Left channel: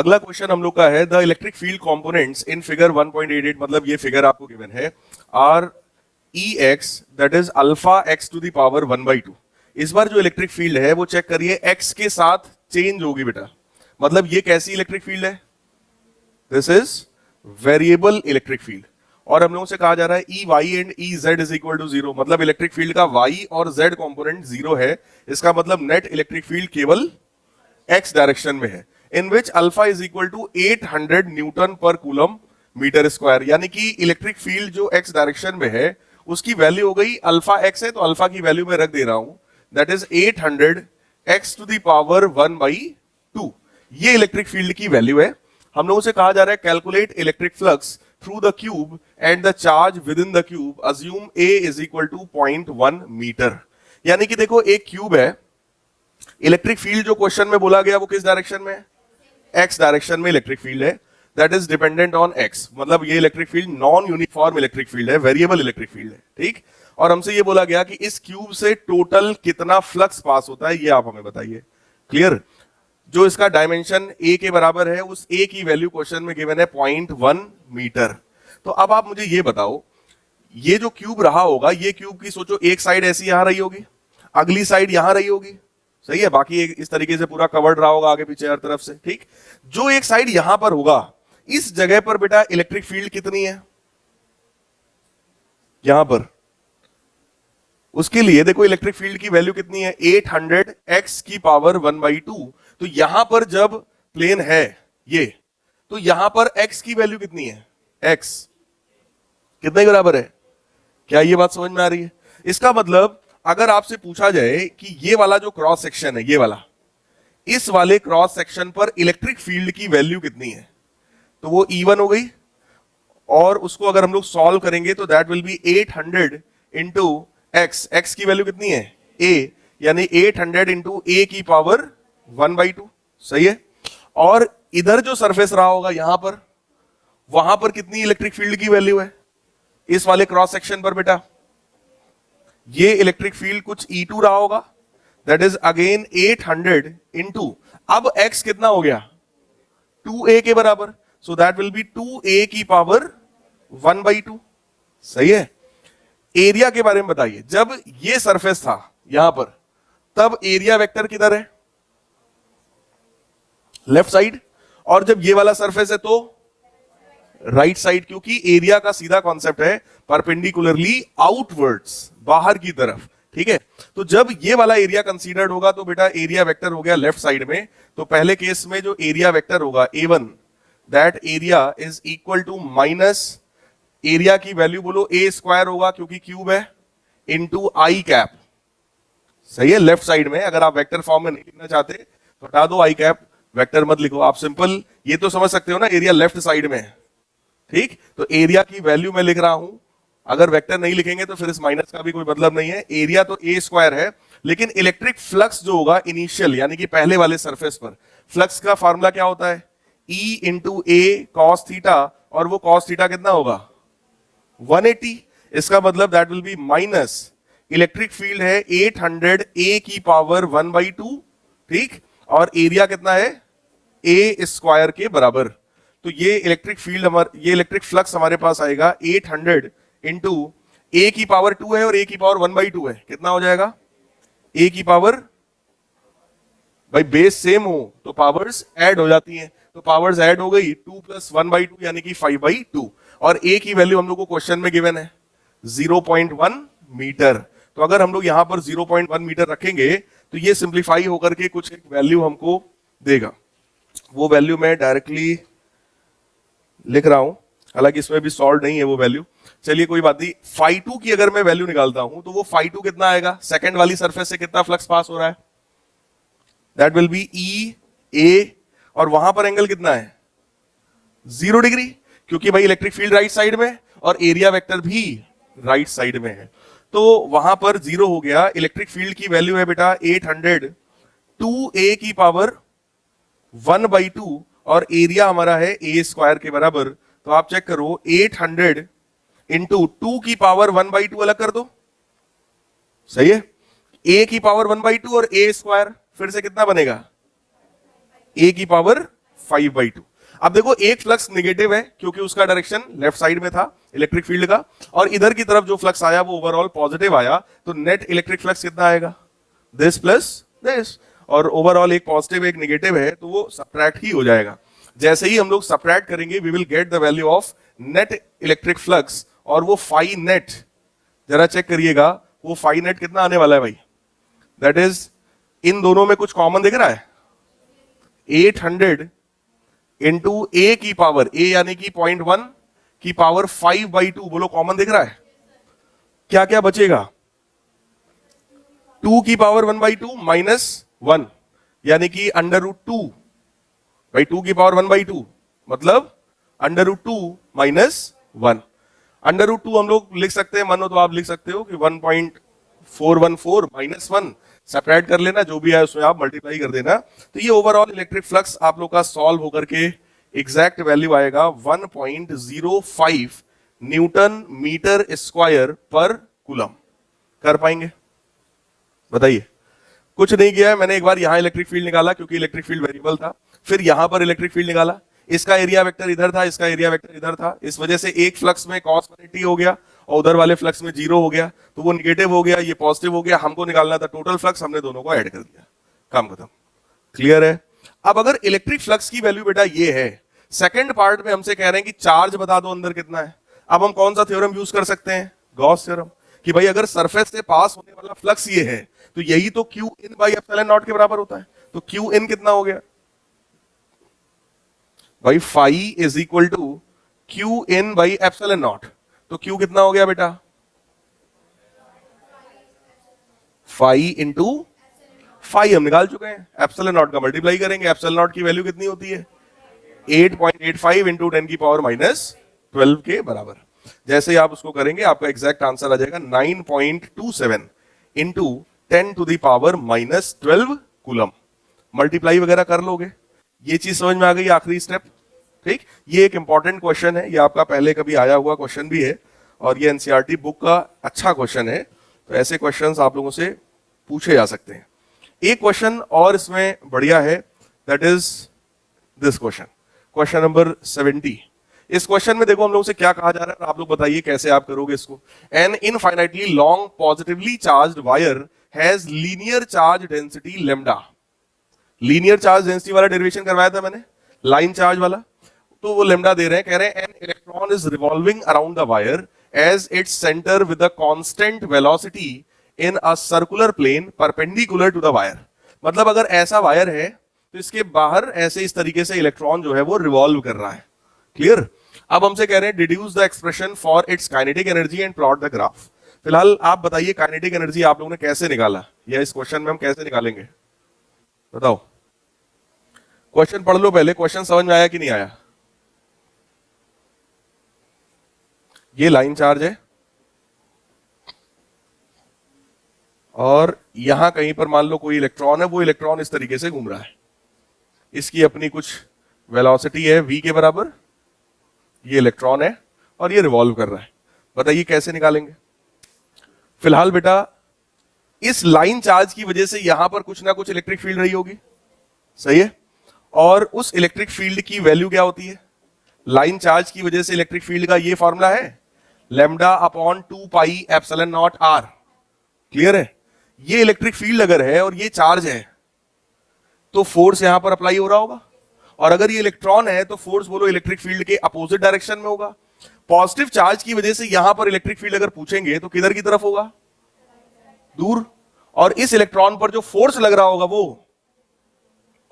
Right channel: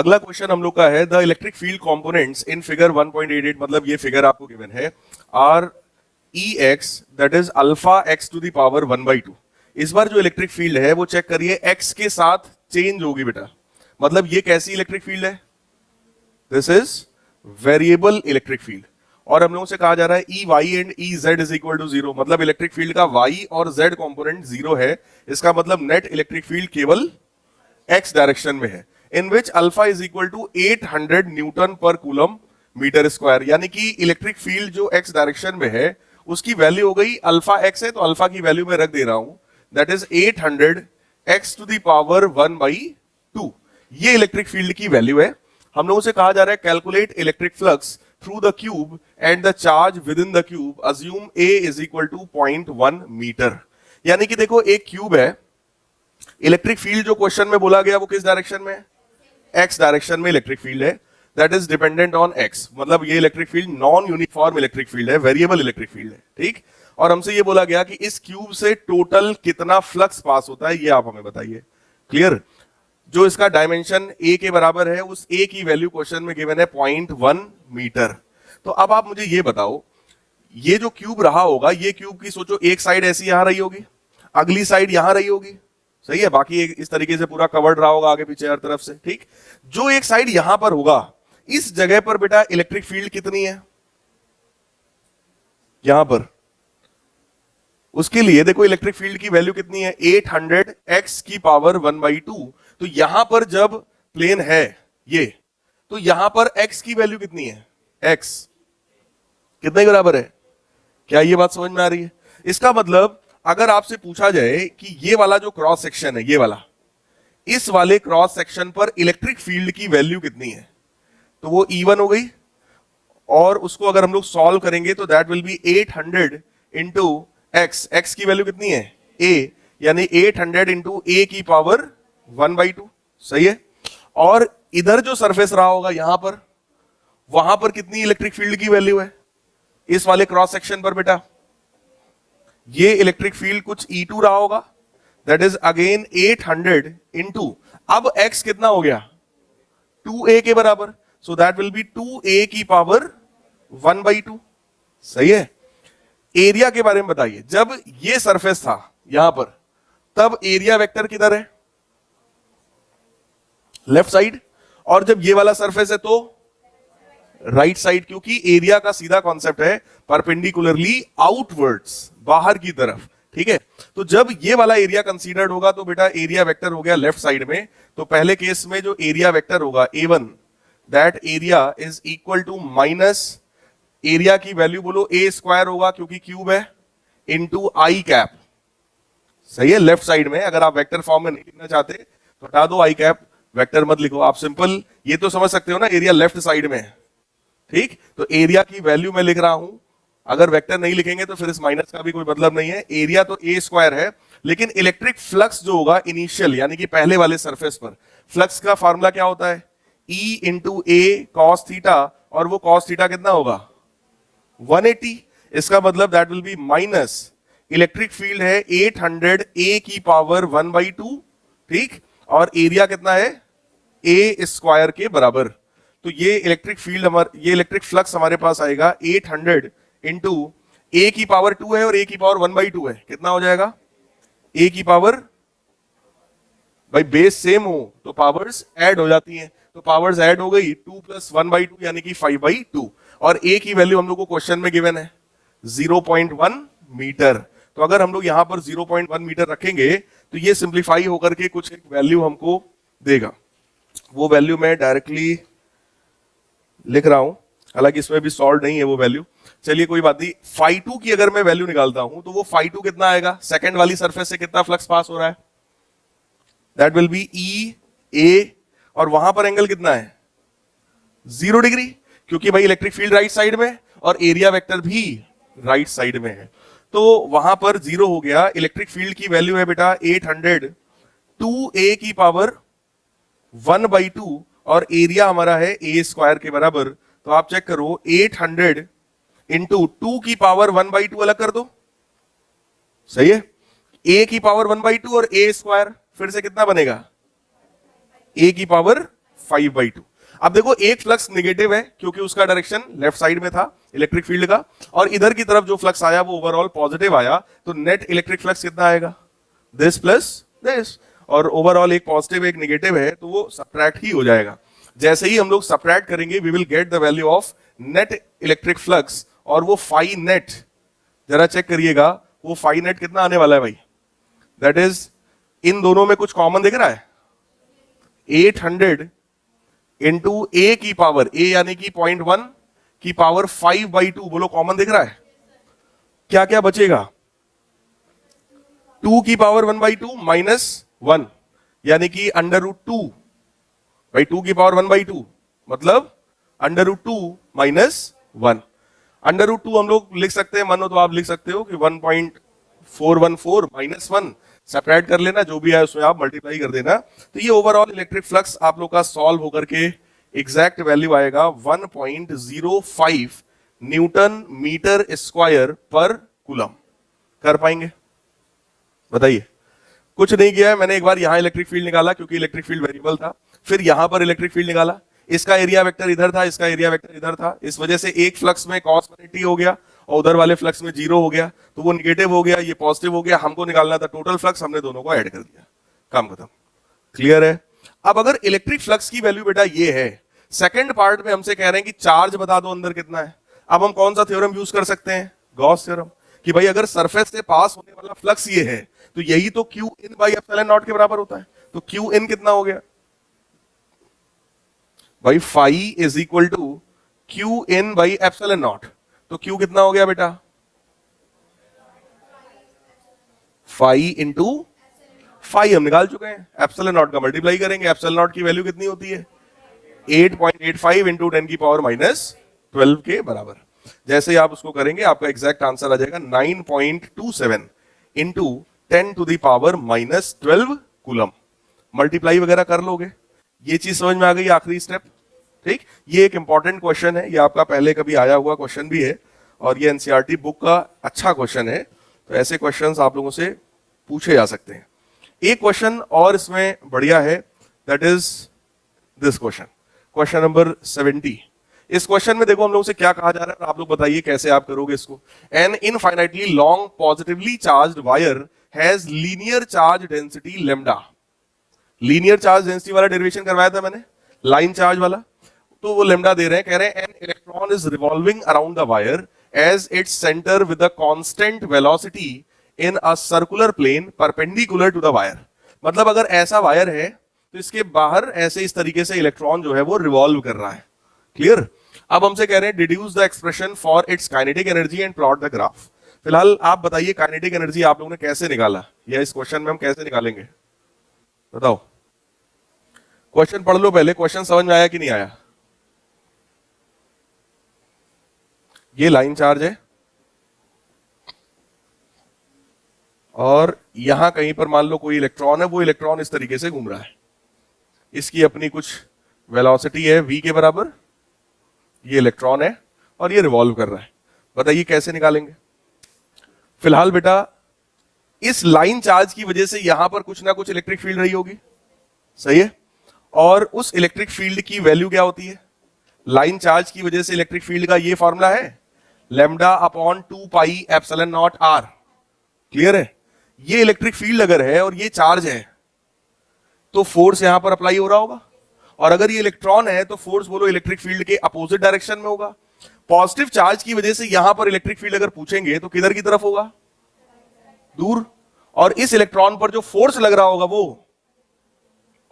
अगला क्वेश्चन हम लोग का है the electric field components in figure 1.88, मतलब ये फिगर आपको गिवन है, are E x that is alpha x to the power 1/2। इस बार जो इलेक्ट्रिक फील्ड है वो चेक करिए एक्स के साथ चेंज होगी बेटा। मतलब ये कैसी इलेक्ट्रिक फील्ड है? This is variable electric field. और हम लोगों से कहा जा रहा है E Y and E Z is equal to 0, मतलब इलेक्ट्रिक फील्ड का वाई और जेड कंपोनेंट 0 है। इसका मतलब नेट इलेक्ट्रिक फील्ड केवल एक्स डायरेक्शन में है, in which alpha is equal to 800 newton per coulomb metre square. यानी कि इलेक्ट्रिक फील्ड जो एक्स डायरेक्शन में है उसकी वैल्यू हो गई, अल्फा एक्स है तो अल्फा की वैल्यू मैं रख दे रहा हूं, that is 800 x to the power 1/2। ये इलेक्ट्रिक फील्ड की वैल्यू है। हम लोगों से कहा जा रहा है calculate electric flux through the cube and the charge within the cube, assume a is equal to 0.1 metre. यानी कि देखो एक क्यूब है, इलेक्ट्रिक फील्ड जो क्वेश्चन में बोला गया वो किस डायरेक्शन में है? एक्स डायरेक्शन में इलेक्ट्रिक फील्ड है, that is dependent on x. मतलब ये electric field non uniform electric field है, वेरिएबल इलेक्ट्रिक फील्ड है, ठीक। और हमसे ये बोला गया कि इस क्यूब से टोटल कितना फ्लक्स पास होता है, ये आप हमें बताइए। क्लियर? जो इसका डायमेंशन ए के बराबर है, उस ए की वैल्यू क्वेश्चन में गिवन है 0.1 मीटर। तो अब आप मुझे ये बताओ, ये जो क्यूब रहा होगा, ये क्यूब की सोचो एक साइड ऐसी आ रही होगी, अगली साइड यहां रही होगी, सही है, बाकी इस तरीके से पूरा कवर्ड रहा होगा आगे पीछे हर तरफ से, ठीक। जो एक साइड यहां पर होगा, इस जगह पर बेटा इलेक्ट्रिक फील्ड कितनी है? यहां पर। उसके लिए देखो इलेक्ट्रिक फील्ड की वैल्यू कितनी है? 800 एक्स की पावर 1/2। तो यहां पर जब प्लेन है ये, तो यहां पर एक्स की वैल्यू कितनी है? एक्स कितने के बराबर है? क्या ये बात समझ में आ रही है? इसका मतलब अगर आपसे पूछा जाए कि ये वाला जो क्रॉस सेक्शन है, ये वाला, इस वाले क्रॉस सेक्शन पर इलेक्ट्रिक फील्ड की वैल्यू कितनी है, तो वो E1 हो गई। और उसको अगर हम लोग सॉल्व करेंगे तो that will B 800 into x. X की वैल्यू कितनी है? A, यानी 800 इंटू ए की पावर 1/2, सही है। और इधर जो सरफेस रहा होगा यहां पर, वहां पर कितनी इलेक्ट्रिक फील्ड की वैल्यू है इस वाले क्रॉस सेक्शन पर बेटा? ये इलेक्ट्रिक फील्ड कुछ E2 रहा होगा, दैट इज अगेन 800 इंटू, अब x कितना हो गया? 2a के बराबर, सो दैट विल बी 2a की पावर 1/2, सही है। एरिया के बारे में बताइए, जब ये सरफेस था यहां पर, तब एरिया वेक्टर किधर है? Left side. और जब ये वाला सरफेस है तो राइट साइड, क्योंकि एरिया का सीधा कॉन्सेप्ट है परपेंडिकुलरली आउटवर्ड्स, बाहर की तरफ, ठीक है। तो जब ये वाला एरिया कंसीडर्ड होगा तो बेटा एरिया वेक्टर हो गया लेफ्ट साइड में। तो पहले केस में जो एरिया वेक्टर होगा A1, that area is equal to minus, area की वैल्यू बोलो A स्क्वायर होगा क्योंकि क्यूब है, इनटू आई कैप, सही है। लेफ्ट साइड में अगर आप वेक्टर फॉर्म में लिखना चाहते हटा दो आई कैप, वेक्टर मत लिखो आप, सिंपल ये तो समझ सकते हो ना, एरिया लेफ्ट साइड में है, ठीक। तो एरिया की वैल्यू मैं लिख रहा हूं, अगर वेक्टर नहीं लिखेंगे तो फिर इस माइनस का भी कोई मतलब नहीं है। एरिया तो A स्क्वायर है, लेकिन इलेक्ट्रिक फ्लक्स जो होगा इनिशियल, यानी कि पहले वाले सरफेस पर, फ्लक्स का फार्मूला क्या होता है? E इंटू ए कॉस थीटा, और वो कॉस थीटा कितना होगा? 180। इसका मतलब that will B minus, electric field है 800 A की पावर 1/2, ठीक। और एरिया कितना है? A स्क्वायर के बराबर। तो ये इलेक्ट्रिक फील्ड ये इलेक्ट्रिक फ्लक्स हमारे पास आएगा 800 इंटू A की पावर 2 है और A की पावर 1/2 है, कितना हो जाएगा? A की पावर, भाई बेस सेम हो तो पावर्स ऐड हो जाती हैं, तो पावर्स ऐड हो गई, 2 + 1/2 यानी कि 5/2। और A की वैल्यू हम लोग को क्वेश्चन में गिवन है 0.1 मीटर। तो अगर हम लोग यहां पर 0.1 मीटर रखेंगे तो ये सिंप्लीफाई होकर के कुछ एक वैल्यू हमको देगा। वो वैल्यू मैं डायरेक्टली लिख रहा हूं, हालांकि इसमें भी सॉल्व नहीं है वो वैल्यू, चलिए कोई बात नहीं। φ2 की अगर मैं वैल्यू निकालता हूं तो वो φ2 कितना आएगा? सेकंड वाली सरफेस से कितना फ्लक्स पास हो रहा है? That will B E A, और वहां पर एंगल कितना है? 0 डिग्री, क्योंकि भाई इलेक्ट्रिक फील्ड राइट साइड में और एरिया वेक्टर भी राइट साइड में है, तो वहां पर 0 हो गया। इलेक्ट्रिक फील्ड की वैल्यू है बेटा 800 2A की पावर 1/2, और एरिया हमारा है A स्क्वायर के बराबर। तो आप चेक करो, 800 इंटू 2 की पावर 1/2 अलग कर दो, सही है। A की पावर 1/2 और A स्क्वायर फिर से कितना बनेगा? A की पावर 5/2। अब देखो एक फ्लक्स नेगेटिव है क्योंकि उसका डायरेक्शन लेफ्ट साइड में था इलेक्ट्रिक फील्ड का, और इधर की तरफ जो फ्लक्स आया वो ओवरऑल पॉजिटिव आया, तो नेट इलेक्ट्रिक फ्लक्स कितना आएगा, दिस प्लस दिस, और ओवरऑल एक पॉजिटिव एक नेगेटिव है तो वो सब्ट्रैक्ट ही हो जाएगा। जैसे ही हम लोग सब्ट्रैक्ट करेंगे we will get the value of net electric flux, और वो फाई नेट, जरा चेक करिएगा वो फाई नेट कितना आने वाला है भाई, दैट इज इन दोनों में कुछ कॉमन दिख रहा है, 800 इंटू ए की पावर, ए यानी कि 0.1 की पावर 5/2, बोलो कॉमन दिख रहा है, क्या क्या बचेगा, 2 की पावर 1/2 माइनस 1 यानी कि √2 भाई 2 की पावर 1/2 मतलब √2 माइनस 1। √2 हम लोग लिख सकते हैं, मानो तो आप लिख सकते हो कि 1.414 माइनस 1, सेपरेट कर लेना, जो भी है उसमें आप मल्टीप्लाई कर देना, तो ये ओवरऑल इलेक्ट्रिक फ्लक्स आप लोग का सॉल्व होकर के एग्जैक्ट वैल्यू आएगा 1.05 न्यूटन मीटर स्क्वायर पर कूलम। कर पाएंगे बताइए? कुछ नहीं किया है मैंने, एक बार यहां इलेक्ट्रिक फील्ड निकाला क्योंकि इलेक्ट्रिक फील्ड वेरिएबल था, फिर यहां पर इलेक्ट्रिक फील्ड निकाला, इसका एरिया वेक्टर इधर था, इसका एरिया वेक्टर इधर था, इस वजह से एक फ्लक्स में cos टी हो गया और उधर वाले फ्लक्स में 0 हो गया, तो वो निगेटिव हो गया, ये पॉजिटिव हो गया, हमको निकालना था टोटल फ्लक्स, हमने दोनों को ऐड कर दिया, काम खत्म। क्लियर है? अब अगर इलेक्ट्रिक फ्लक्स की वैल्यू बेटा ये है, सेकंड पार्ट में हमसे कह रहे हैं कि चार्ज बता दो अंदर कितना है, अब हम कौन सा थ्योरम यूज कर सकते हैं, गॉस थ्योरम, कि भाई अगर सरफेस से पास होने वाला फ्लक्स ये है तो यही तो Q in by epsilon naught के बराबर होता है, तो क्यू इन कितना हो गया भाई, phi is equal to q in by epsilon naught, तो क्यू कितना हो गया बेटा, फाई इंटू फाई हम निकाल चुके हैं, एप्सिलॉन नॉट का मल्टीप्लाई करेंगे, एप्सिलॉन नॉट की वैल्यू कितनी होती है 8.85 इंटू 10 की पावर माइनस 12 के बराबर। जैसे ही आप उसको करेंगे आपका एग्जैक्ट आंसर आ जाएगा 9.27 into 10 to the power minus 12 coulomb. Multiply वगैरह कर लोगे, ये चीज समझ में आ गई, आखिरी स्टेप। ठीक, ये एक इंपॉर्टेंट क्वेश्चन है, ये आपका पहले कभी आया हुआ क्वेश्चन भी है और ये एनसीईआरटी बुक का अच्छा क्वेश्चन है, तो ऐसे क्वेश्चंस आप लोगों से पूछे जा सकते हैं। एक क्वेश्चन और इसमें बढ़िया है, that is this question, question number 70। इस क्वेश्चन में देखो हम लोग से क्या कहा जा रहा है, आप लोग बताइए कैसे आप करोगे इसको। An infinitely long positively charged wire has linear charge density lambda. Linear charge density वाला डेरिवेशन करवाया था मैंने, लाइन चार्ज वाला, तो वो लेम्डा दे रहे हैं, कह रहे हैं an electron is revolving around the wire as its centre with a constant velocity in a circular plane perpendicular to the wire. मतलब अगर ऐसा वायर है तो इसके बाहर ऐसे इस तरीके से इलेक्ट्रॉन जो है वो रिवॉल्व कर रहा है। क्लियर? अब हमसे कह रहे हैं deduce the expression for its kinetic energy and plot the graph. फिलहाल आप बताइए काइनेटिक एनर्जी आप लोगों ने कैसे निकाला, या इस क्वेश्चन में हम कैसे निकालेंगे, बताओ। क्वेश्चन पढ़ लो पहले, क्वेश्चन समझ में आया कि नहीं आया। ये लाइन चार्ज है और यहां कहीं पर मान लो कोई इलेक्ट्रॉन है, वो इलेक्ट्रॉन इस तरीके से घूम रहा है, इसकी अपनी कुछ वेलोसिटी है v के बराबर, ये इलेक्ट्रॉन है और ये रिवॉल्व कर रहा है। बताइए कैसे निकालेंगे। फिलहाल बेटा इस लाइन चार्ज की वजह से यहां पर कुछ ना कुछ इलेक्ट्रिक फील्ड रही होगी, सही है, और उस इलेक्ट्रिक फील्ड की वैल्यू क्या होती है, लाइन चार्ज की वजह से इलेक्ट्रिक फील्ड का ये फॉर्मूला है lambda upon 2 pi epsilon naught r. Clear है? ये इलेक्ट्रिक फील्ड अगर है और ये चार्ज है तो फोर्स यहां पर अप्लाई हो रहा होगा, और अगर ये इलेक्ट्रॉन है तो फोर्स बोलो इलेक्ट्रिक फील्ड के अपोजिट डायरेक्शन में होगा। पॉजिटिव चार्ज की वजह से यहां पर इलेक्ट्रिक फील्ड अगर पूछेंगे तो किधर की तरफ होगा, दूर, और इस इलेक्ट्रॉन पर जो फोर्स लग रहा होगा वो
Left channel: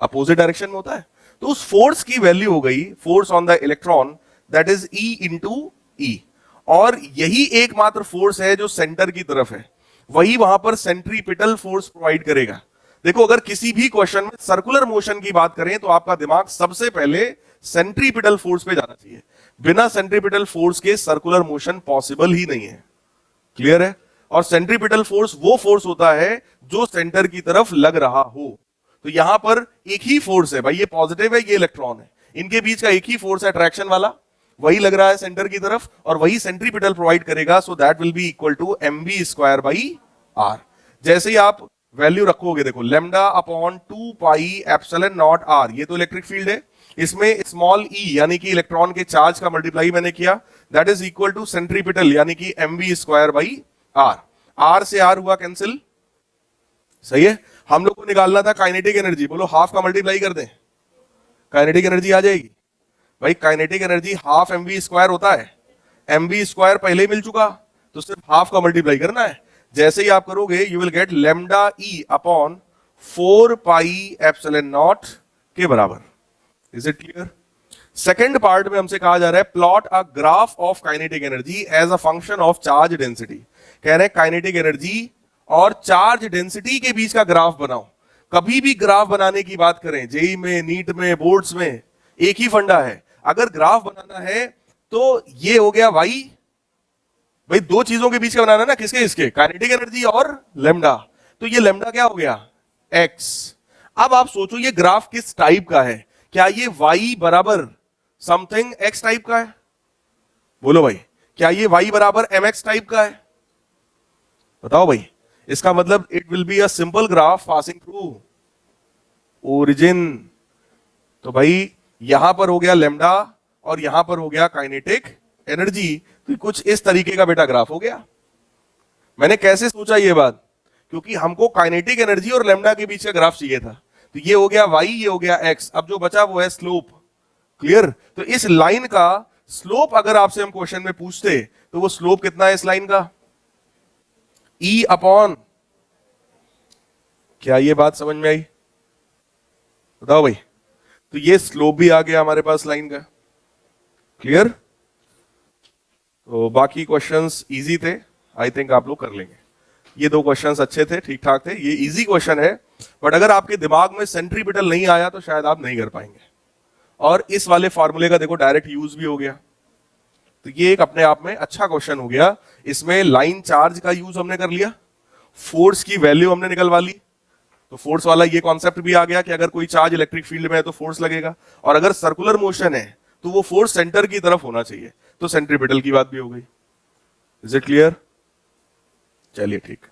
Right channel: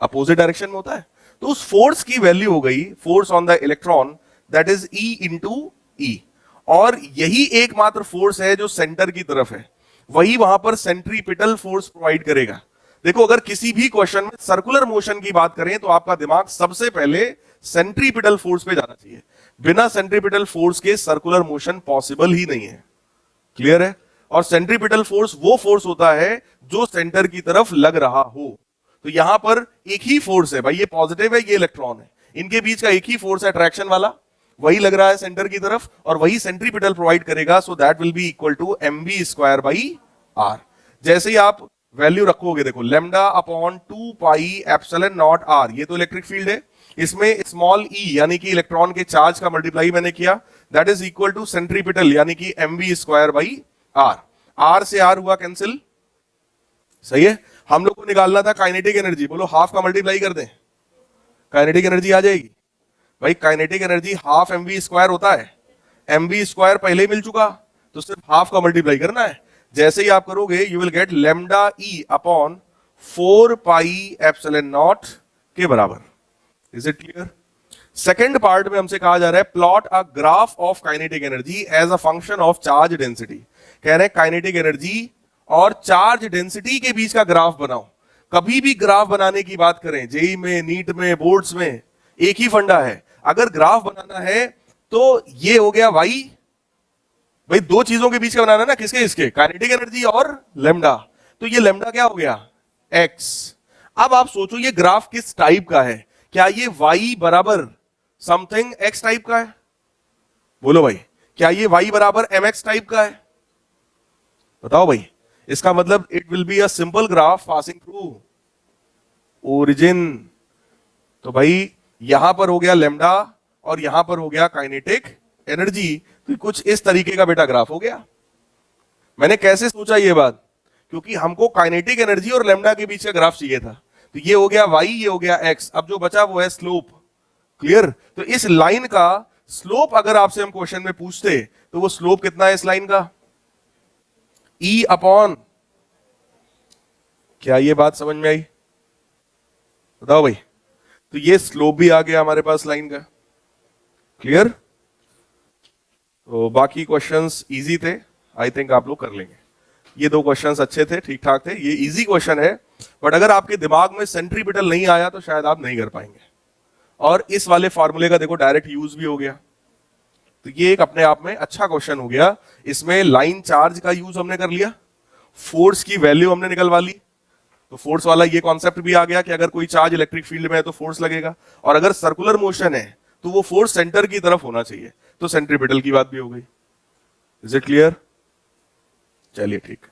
अपोजिट डायरेक्शन में होता है, तो उस फोर्स की वैल्यू हो गई force on the electron that is E into E, और यही एकमात्र फोर्स है जो सेंटर की तरफ है, वही वहां पर सेंट्रीपिटल फोर्स प्रोवाइड करेगा। देखो अगर किसी भी क्वेश्चन में सर्कुलर मोशन की बात करें तो आपका दिमाग सबसे पहले सेंट्रीपिटल फोर्स पे जाना चाहिए, बिना सेंट्रीपिटल फोर्स के सर्कुलर मोशन पॉसिबल ही नहीं है। क्लियर है? और सेंट्रीपिटल फोर्स वो फोर्स होता है जो सेंटर की तरफ लग रहा हो, तो यहां पर एक ही फोर्स है भाई, ये पॉजिटिव है ये इलेक्ट्रॉन है, इनके बीच का एक ही फोर्स है अट्रैक्शन वाला, वही लग रहा है सेंटर की तरफ और वही सेंट्रीपिटल प्रोवाइड करेगा, so that will be equal to mv square by r. जैसे ही आप वैल्यू रखोगे, देखो lambda upon 2 pi epsilon naught r, ये तो इलेक्ट्रिक फील्ड है, इसमें स्मॉल ई यानी कि इलेक्ट्रॉन के चार्ज का मल्टीप्लाई मैंने किया, that is equal to centripetal यानी कि mv square by r, r से आर हुआ कैंसिल, सही है। हम लोग को निकालना था काइनेटिक एनर्जी, बोलो हाफ का मल्टीप्लाई कर दे, काइनेटिक एनर्जी आ जाएगी। भाई kinetic energy half mv square होता है, mv स्क्वायर पहले मिल चुका, तो सिर्फ हाफ का मल्टीप्लाई करना है। जैसे ही आप करोगे you will get lambda e upon 4 pi epsilon naught के बराबर। Is it clear? Second part में हमसे कहा जा रहा है plot a graph of kinetic energy as a function of charge density. कह रहे हैं काइनेटिक एनर्जी और चार्ज डेंसिटी के बीच का ग्राफ बनाओ। कभी भी ग्राफ बनाने की बात करें, जेई में, नीट में, बोर्ड्स में, एक ही फंडा है, अगर ग्राफ बनाना है तो ये हो गया वाई, भाई दो चीजों के बीच का बनाना है ना, किसके इसके, काइनेटिक एनर्जी और लेमडा, तो ये लेमडा क्या हो गया, एक्स। अब आप सोचो ये ग्राफ किस टाइप का है, क्या ये y बराबर समथिंग x टाइप का है, बोलो भाई, क्या ये y बराबर mx टाइप का है, बताओ भाई। इसका मतलब it will be a simple graph passing through origin. तो भाई यहां पर हो गया लेमडा और यहां पर हो गया काइनेटिक एनर्जी, तो कुछ इस तरीके का बेटा ग्राफ हो गया। मैंने कैसे सोचा ये बात, क्योंकि हमको काइनेटिक एनर्जी और लेमडा के बीच का ग्राफ चाहिए था, तो ये हो गया y, ये हो गया x, अब जो बचा वो है स्लोप। क्लियर? तो इस लाइन का स्लोप अगर आपसे हम क्वेश्चन में पूछते तो वो स्लोप कितना है इस लाइन का, e अपॉन, क्या ये बात समझ में आई, बताओ भाई। तो ये स्लोप भी आ गया हमारे पास लाइन का। क्लियर? बाकी क्वेश्चंस इजी थे, आई थिंक आप लोग कर लेंगे। ये दो क्वेश्चंस अच्छे थे, ठीक ठाक थे, ये इजी क्वेश्चन है, बट अगर आपके दिमाग में सेंट्रीपिटल नहीं आया तो शायद आप नहीं कर पाएंगे। और इस वाले फॉर्मूले का देखो डायरेक्ट यूज भी हो गया, तो ये एक अपने आप में अच्छा क्वेश्चन हो गया। इसमें लाइन चार्ज का यूज हमने कर लिया, फोर्स की वैल्यू हमने निकलवा ली, तो फोर्स वाला ये कॉन्सेप्ट भी आ गया कि अगर कोई चार्ज इलेक्ट्रिक फील्ड में है तो फोर्स लगेगा, और अगर सर्कुलर मोशन है तो वो फोर्स सेंटर की तरफ होना चाहिए, तो सेंट्रीपिटल की बात भी हो गई। Is it clear? चलिए ठीक है।